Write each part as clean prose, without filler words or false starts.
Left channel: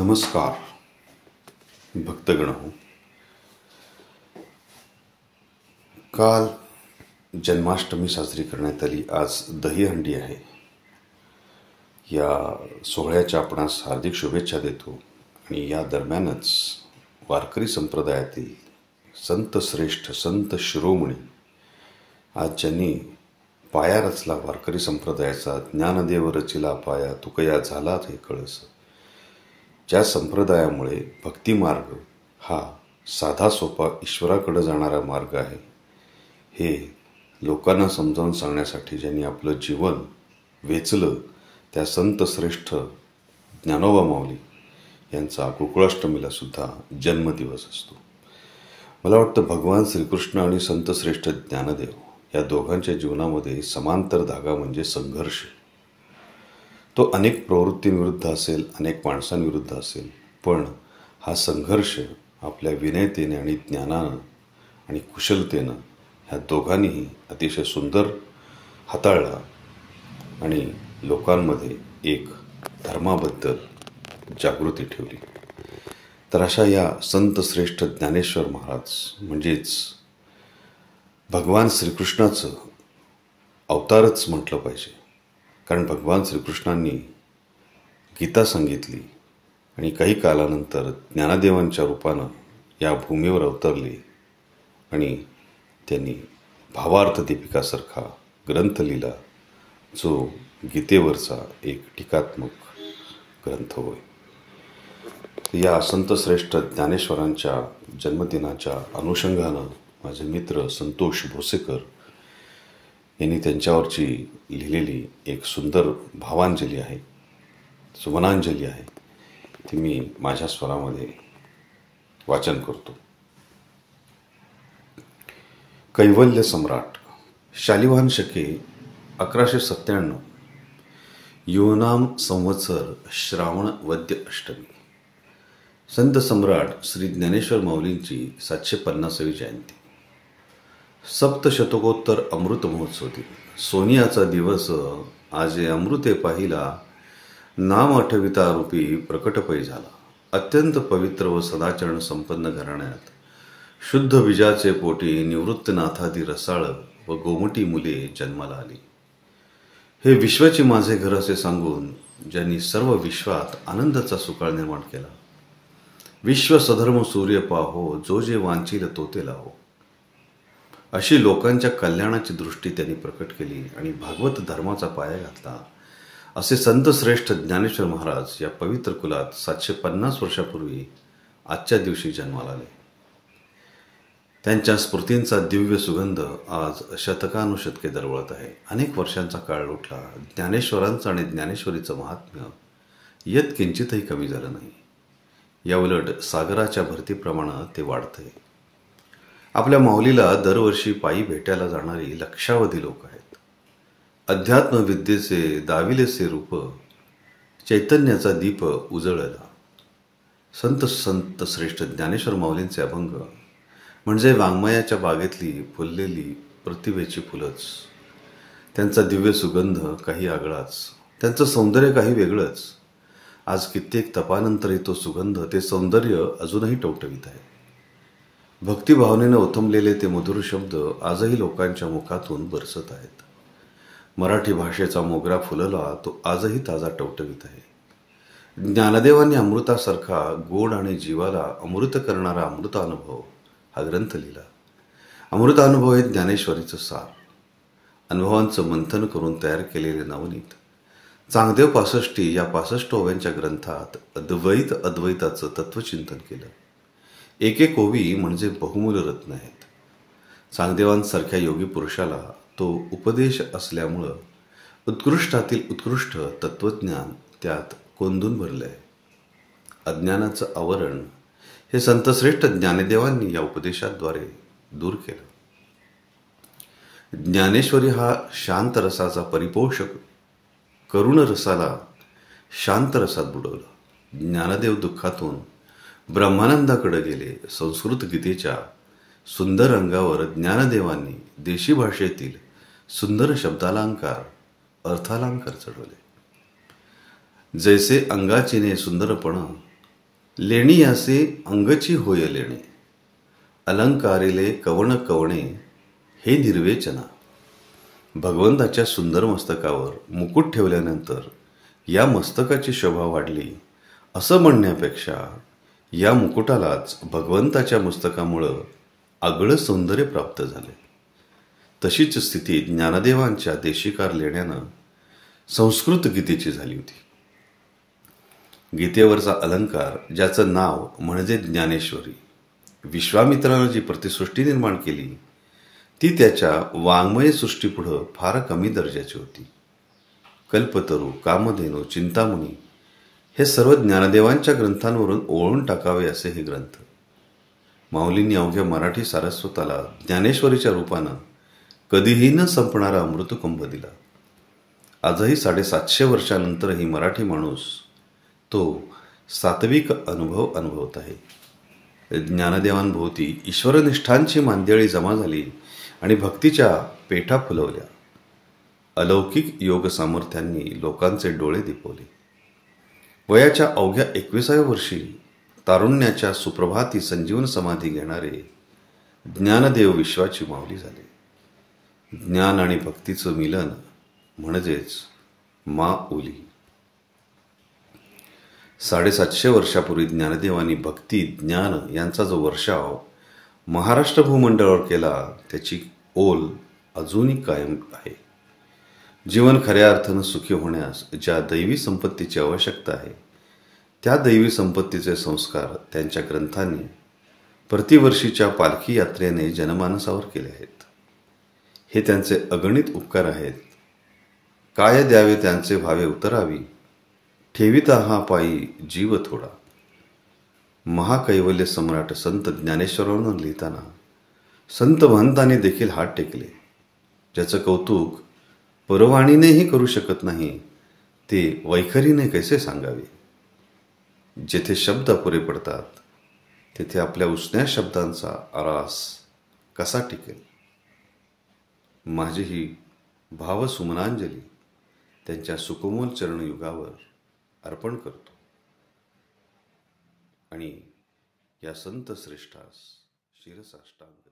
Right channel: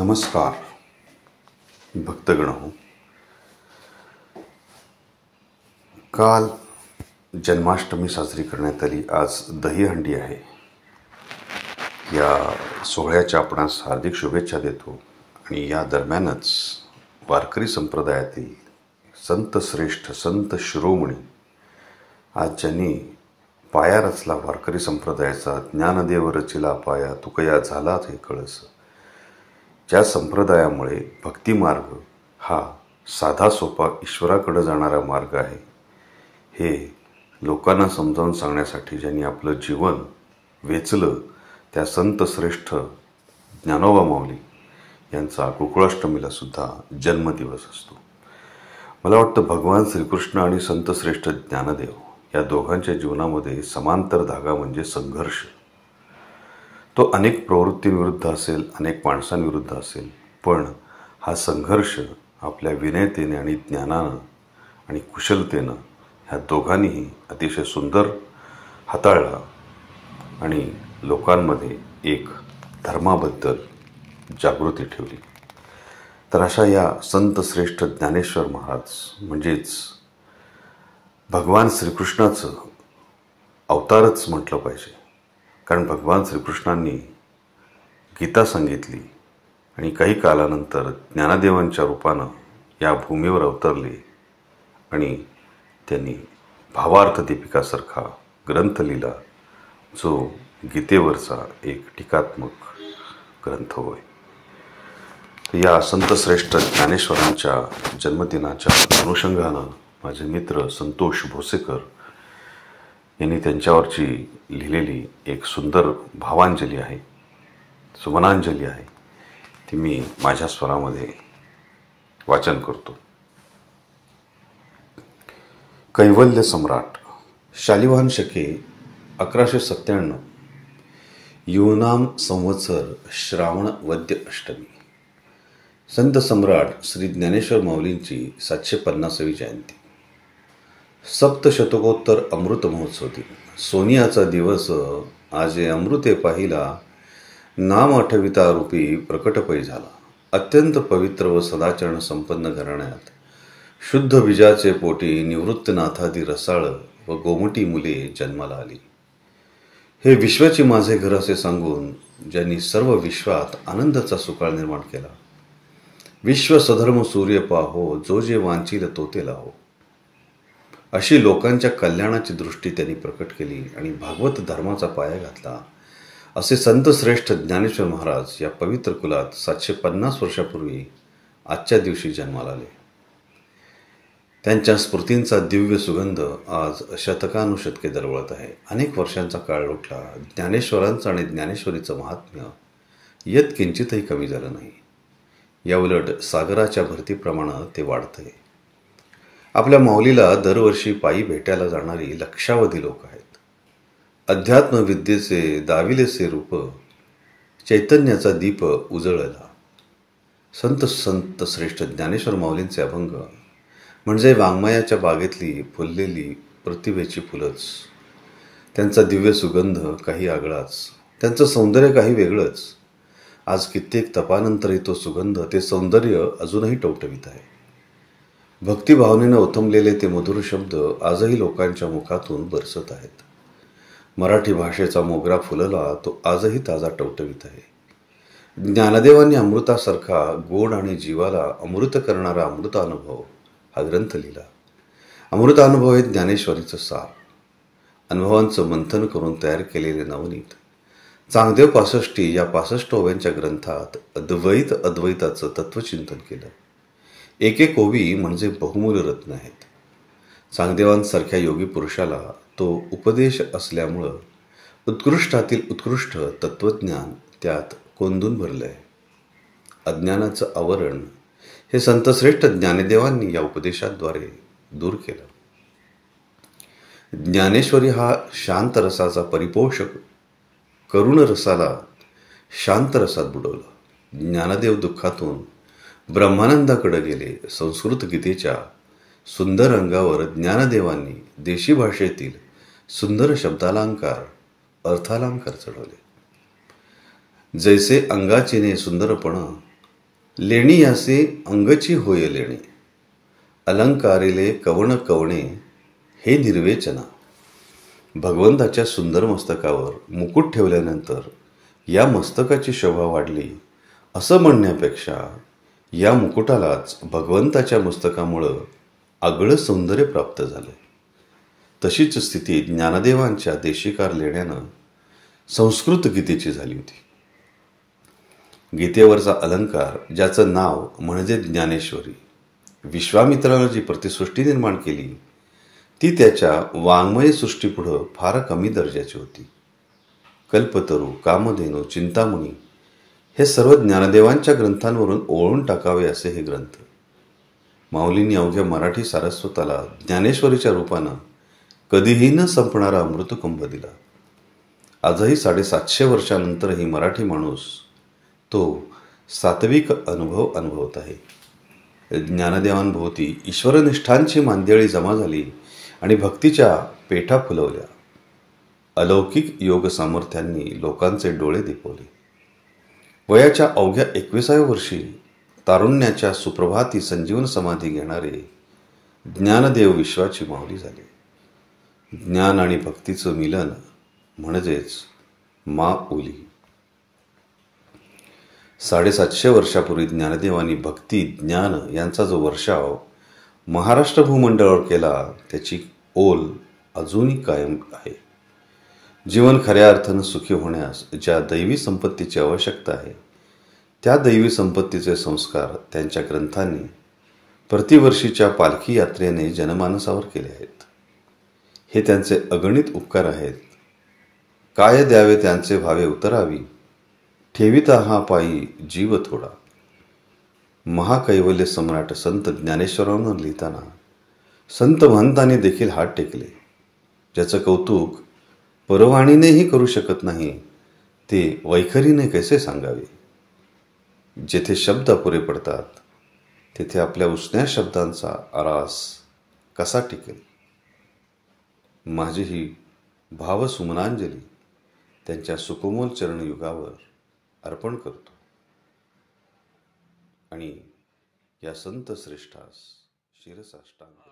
नमस्कार भक्तगण हो. काल जन्माष्टमी साजरी करण्यात आली. आज दहीहंडी आहे. या सोहळ्याच्या आपणास हार्दिक शुभेच्छा देतो. आणि या दरम्यानच वारकरी संप्रदायातील संत श्रेष्ठ संत शिरोमणी आज ज्यांनी पाया रचला वारकरी संप्रदायाचा, ज्ञानदेव रचिला पाया तुकया झाला हे कळस, ज्या संप्रदायामुळे भक्तिमार्ग हा साधा सोपा ईश्वराकडे जाणारा मार्ग आहे, हे लोकांना समजावून सांगण्यासाठी ज्यांनी आपलं जीवन वेचलं, त्या संत श्रेष्ठ ज्ञानोबा माऊली यांचा गोकुळाष्टमीला सुद्धा जन्मदिवस असतो. मला वाटतं भगवान श्रीकृष्ण आणि संत श्रेष्ठ ज्ञानदेव या दोघांच्या जीवनामध्ये समांतर धागा म्हणजे संघर्ष. तो अनेक प्रवृत्तींविरुद्ध असेल, अनेक माणसांविरुद्ध असेल, पण हा संघर्ष आपल्या विनयतेने आणि ज्ञानानं आणि कुशलतेनं ह्या दोघांनीही अतिशय सुंदर हाताळला आणि लोकांमध्ये एक धर्माबद्दल जागृती ठेवली. तर अशा या संत श्रेष्ठ ज्ञानेश्वर महाराज म्हणजेच भगवान श्रीकृष्णाचं अवतारच म्हटलं पाहिजे, कारण भगवान श्रीकृष्णांनी गीता सांगितली आणि काही कालानंतर ज्ञानदेवांच्या रूपानं या भूमीवर अवतरले आणि त्यांनी भावार्थ दीपिकासारखा ग्रंथ लिहिला, जो गीतेवरचा एक टीकात्मक ग्रंथ होय. या संत श्रेष्ठ ज्ञानेश्वरांच्या जन्मदिनाच्या अनुषंगानं माझे मित्र संतोष भोसेकर यांनी त्यांच्यावरची लिहिलेली एक सुंदर भावांजली आहे, सुमनांजली आहे, ती मी माझ्या स्वरामध्ये वाचन करतो. कैवल्य सम्राट शालिवाहन शके 1197 युनाम संवत्सर श्रावण वद्य अष्टमी. संत सम्राट श्री ज्ञानेश्वर माऊलींची 750वी जयंती. सप्तशतकोत्तर अमृत महोत्सव दिन. सोनियाचा दिवस आजे अमृते पाहिला, नाम आठविता रूपी प्रकटपै झाला. अत्यंत पवित्र व सदाचरण संपन्न घराण्यात शुद्ध बीजाचे पोटी निवृत्तनाथादी रसाळ व गोमटी मुले जन्माला आली. हे विश्वाची माझे घर असे सांगून ज्यांनी सर्व विश्वात आनंदाचा सुकाळ निर्माण केला. विश्व सधर्म सूर्य पाहो, जो जे वांछील तो ते लाहो, अशी लोकांच्या कल्याणाची दृष्टी त्यांनी प्रकट केली आणि भागवत धर्माचा पाया घातला. असे संत श्रेष्ठ ज्ञानेश्वर महाराज या पवित्र कुलात 750 वर्षापूर्वी आजच्या दिवशी जन्माला आले. त्यांच्या स्मृतींचा दिव्य सुगंध आज शतकानुशतके दरवळत आहे. अनेक वर्षांचा काळ लोटला, ज्ञानेश्वरांचं आणि ज्ञानेश्वरीचं महात्म्य यत किंचितही कमी झालं नाही. याउलट सागराच्या भरतीप्रमाणे ते वाढतंय. आपल्या माऊलीला दरवर्षी पायी भेटायला जाणारी लक्षावधी लोक आहेत. अध्यात्मविद्येचे दाविलेसे रूप, चैतन्याचा दीप उजळला. संत श्रेष्ठ ज्ञानेश्वर माऊलींचे अभंग म्हणजे वाङ्मयाच्या बागेतली फुललेली प्रतिभेची फुलंच. त्यांचा दिव्य सुगंध काही आगळाच, त्यांचं सौंदर्य काही वेगळंच. आज कित्येक तपानंतरही तो सुगंध, ते सौंदर्य अजूनही टवटवीत आहे. भक्तिभावनेनं ओथंबलेले ते मधुर शब्द आजही लोकांच्या मुखातून बरसत आहेत. मराठी भाषेचा मोगरा फुलला, तो आजही ताजा टवटवीत आहे. ज्ञानदेवांनी अमृतासारखा गोड आणि जीवाला अमृत करणारा अमृतानुभव हा ग्रंथ लिहिला. अमृतानुभव हे ज्ञानेश्वरीचं सार, अनुभवांचं मंथन करून तयार केलेले नवनीत. चांगदेव 65 या 65 ओव्यांच्या ग्रंथात अद्वैताचं तत्वचिंतन केलं. एक एक ओवी म्हणजे बहुमूल्य रत्न आहेत. चांगदेवांसारख्या योगी पुरुषाला तो उपदेश असल्यामुळं उत्कृष्टातील उत्कृष्ट तत्वज्ञान त्यात कोंदून भरलंय. अज्ञानाचं आवरण हे संतश्रेष्ठ ज्ञानदेवांनी या उपदेशाद्वारे दूर केलं. ज्ञानेश्वरी हा शांत रसाचा परिपोषक करुण रसाला शांत रसात बुडवलं. ज्ञानदेव दुःखातून ब्रह्मानंदाकडे गेले. संस्कृत गीतेच्या सुंदर अंगावर ज्ञानदेवांनी देशी भाषेतील सुंदर शब्दालंकार, अर्थालंकार चढवले. जैसे अंगाचीने सुंदरपण लेणी असे अंगची होय लेणे, अलंकारिले कवण कवणे हे निर्वेचना. भगवंताच्या सुंदर मस्तकावर मुकुट ठेवल्यानंतर या मस्तकाची शोभा वाढली असं म्हणण्यापेक्षा या मुकुटालाच भगवंताच्या मस्तकामुळं आगळं सौंदर्य प्राप्त झाले. तशीच स्थिती ज्ञानदेवांच्या देशिकार लेण्यानं संस्कृत गीतेची झाली होती. गीतेवरचा अलंकार, ज्याचं नाव म्हणजे ज्ञानेश्वरी, विश्वामित्रानं जी प्रतिसृष्टी निर्माण केली ती त्याच्या वाङ्मय सृष्टीपुढं फार कमी दर्जाची होती. कल्पतरू, कामधेनू, चिंतामणी हे सर्व ज्ञानदेवांच्या ग्रंथांवरून ओळून टाकावे असे हे ग्रंथ. माऊलींनी अवघ्या मराठी सारस्वताला ज्ञानेश्वरीच्या रूपानं कधीही न संपणारा अमृतकुंभ दिला. आजही 750 वर्षानंतरही मराठी माणूस तो सात्विक अनुभव अनुभवत आहे. ज्ञानदेवांभोवती ईश्वरनिष्ठांची मांदियाळी जमा झाली आणि भक्तीच्या पेठा फुलवल्या. अलौकिक योग सामर्थ्यांनी लोकांचे डोळे दिपवले. वयाच्या अवघ्या 21व्या वर्षी तारुण्याच्या सुप्रभाती संजीवन समाधी घेणारे ज्ञानदेव विश्वाची माऊली झाले. ज्ञान आणि भक्तीचं मिलन म्हणजेच माऊली. 750 वर्षापूर्वी ज्ञानदेवांनी भक्ती ज्ञान यांचा जो वर्षाव महाराष्ट्र भूमंडळावर केला त्याची ओल अजूनही कायम आहे. जीवन खऱ्या अर्थानं सुखी होण्यास ज्या दैवी संपत्तीची आवश्यकता आहे त्या दैवी संपत्तीचे संस्कार त्यांच्या ग्रंथांनी प्रतिवर्षीच्या पालखी यात्रेने जनमानसावर केले आहेत. हे त्यांचे अगणित उपकार आहेत. काय द्यावे त्यांचे भावे उतरावी, ठेविता हा पायी जीव थोडा. महाकैवल्य सम्राट संत ज्ञानेश्वरांना लिहिताना संत महंतांनी देखील हात टेकले. ज्याचं कौतुक परवाणीनेही करू शकत नाही ते वैखरीने कैसे सांगावे. जेथे शब्द अपुरे पडतात तेथे आपल्या उसन्या शब्दांचा आरास कसा टिकेल. माझी ही भावसुमनांजली त्यांच्या सुकोमल चरणयुगावर अर्पण करतो आणि या संत श्रेष्ठास शिरसाष्टांग दंडवत.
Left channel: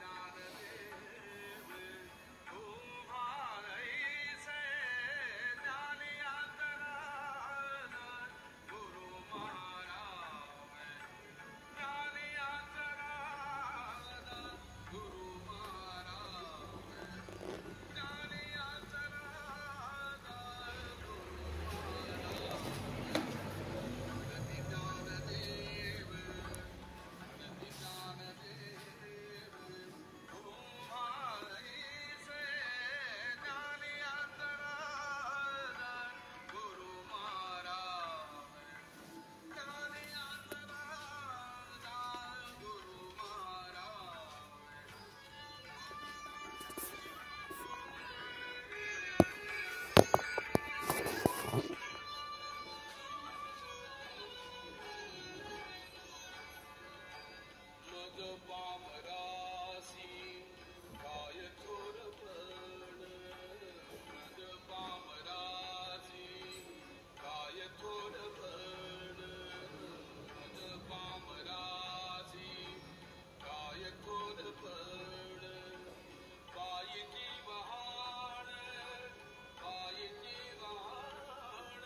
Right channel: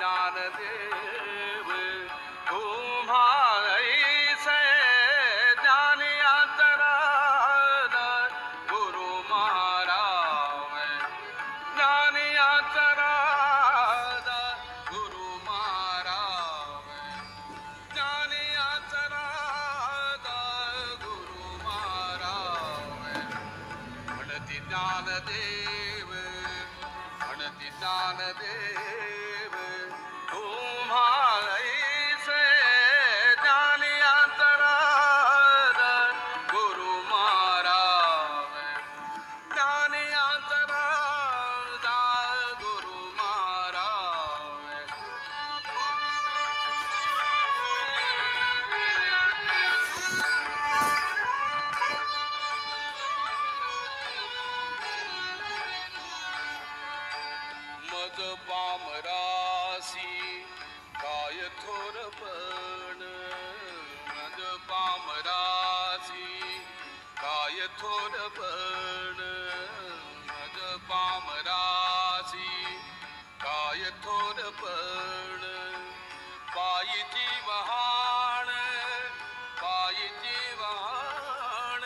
ज्ञानदेव तुम्हाईसे ज्ञानियांतराद गुरु महाराव. ज्ञानियांतराद गुरु महाराव. ज्ञानियांतराद गुरु महाराव. म्हणती ज्ञानदेव, म्हणती ज्ञानदेव तुम्हाईसे ज्ञानियांतराद गुरु महाराव. ज्ञानियांतराद गुरु महाराव. मज पामरासी काय थोरपण, मज पामरासी काय थोरपण, मज पामरासी काय थोरपण. पायीची वहाण, पायीची वहाण,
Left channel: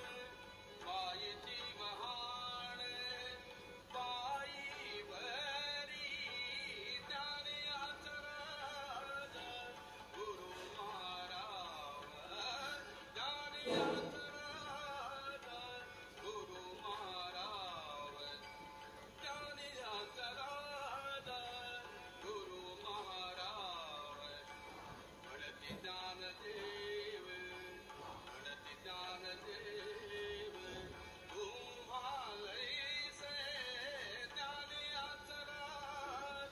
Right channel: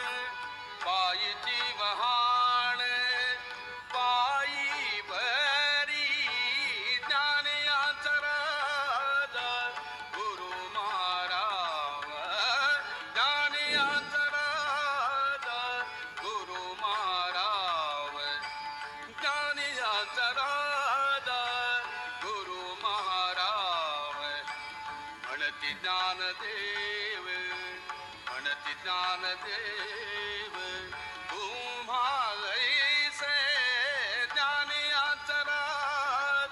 पायीची वहाण, पायी बरी ज्ञानियांतराद गुरु महाराव. ज्ञानियांतराद गुरु महाराव. ज्ञानियांतराद गुरु महाराव. म्हणती ज्ञानदेव, म्हणती ज्ञानदेव तुम्हाईसे ज्ञानियांतराद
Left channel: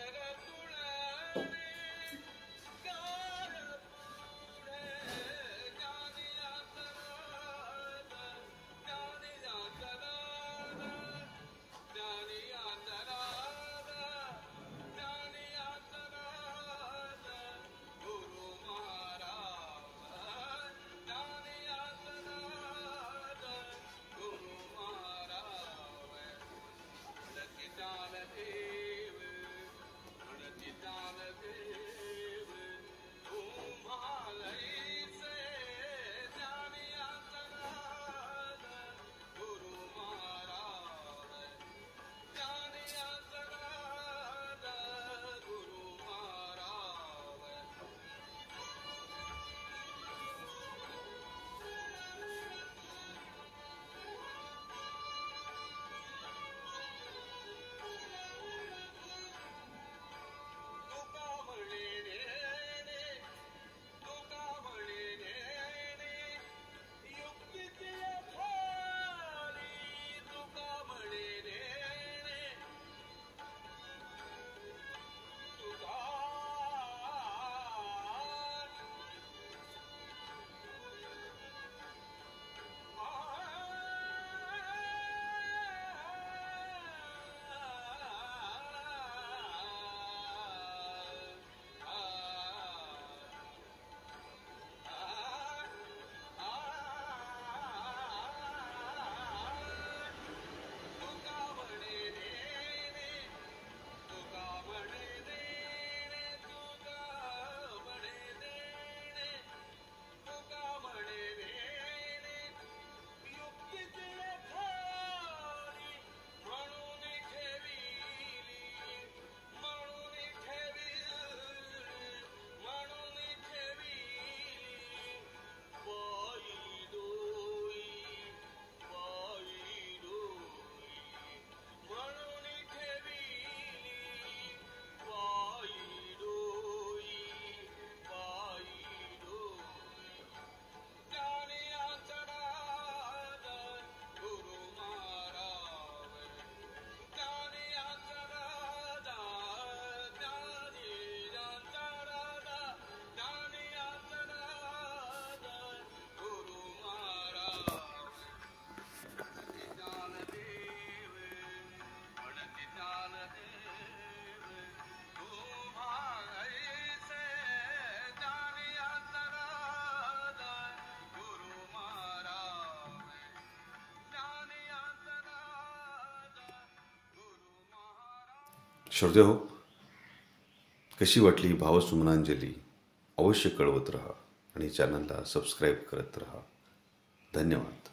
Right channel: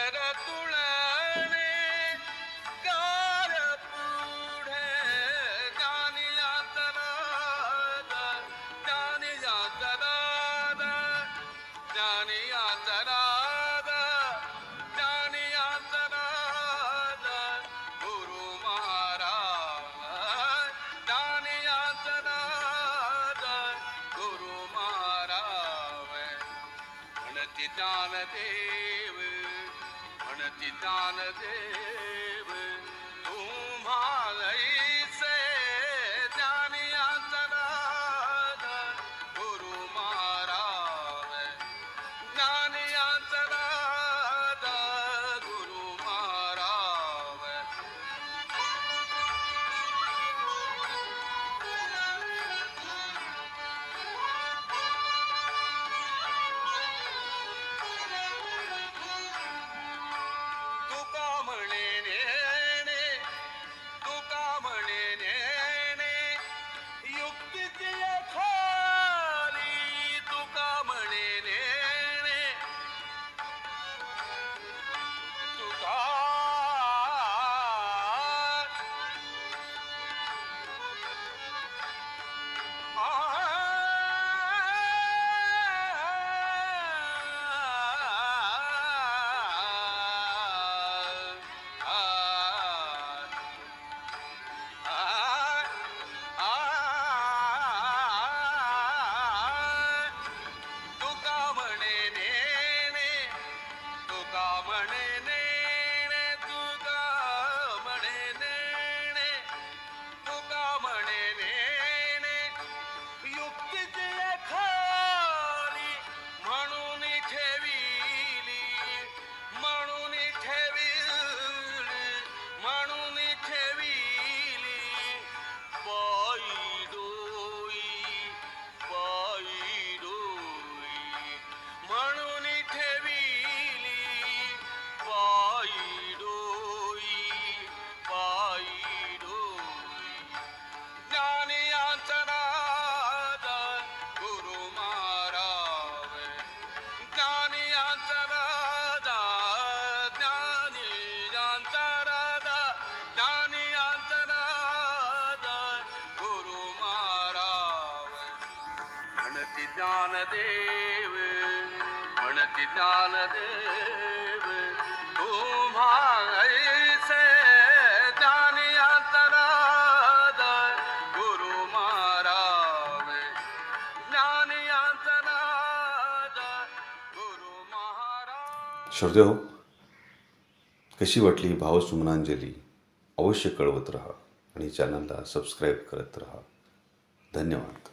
घर तुळणे कार पुढे ज्ञानी अंतराद ज्ञानी अंतराद ज्ञानी अंतराद ज्ञानी अंतराद गुरु महाराज ज्ञानी अंतराद गुरु महाराज म्हणती ज्ञानदेव म्हणती ज्ञानदेव तुम्हालैसे ज्ञानी अंतराद गुरु महाराज ज्ञानी अंतराद गुरु महाराज तुका म्हणे नेणे तुका म्हणे नेणे युक्तीची खाली तुका म्हणे नेणे तुका तुका म्हणे नेणे तुका म्हणे नेणे तुका म्हणे नेणे तुका म्हणे नेणे युक्तीची खाली म्हणून ठेविली म्हणून ठेविली म्हणून ठेविली पायी डोई म्हणून ठेविली पायी डोई ज्ञानी अंतराद गुरु महाराज ज्ञानी अंतराद ज्ञानी अंतराद ज्ञानी अंतराद गुरु महाराज म्हणती ज्ञानदेव म्हणती ज्ञानदेव तुम्हालैसे ज्ञानी अंतराद गुरु महाराज ज्ञानी अंतराद गुरु महाराज. श्रोते हो, कशी वाटली भावसुमनांजली अवश्य कळवत राहा आणि चॅनलला सबस्क्राईब करत राहा. धन्यवाद.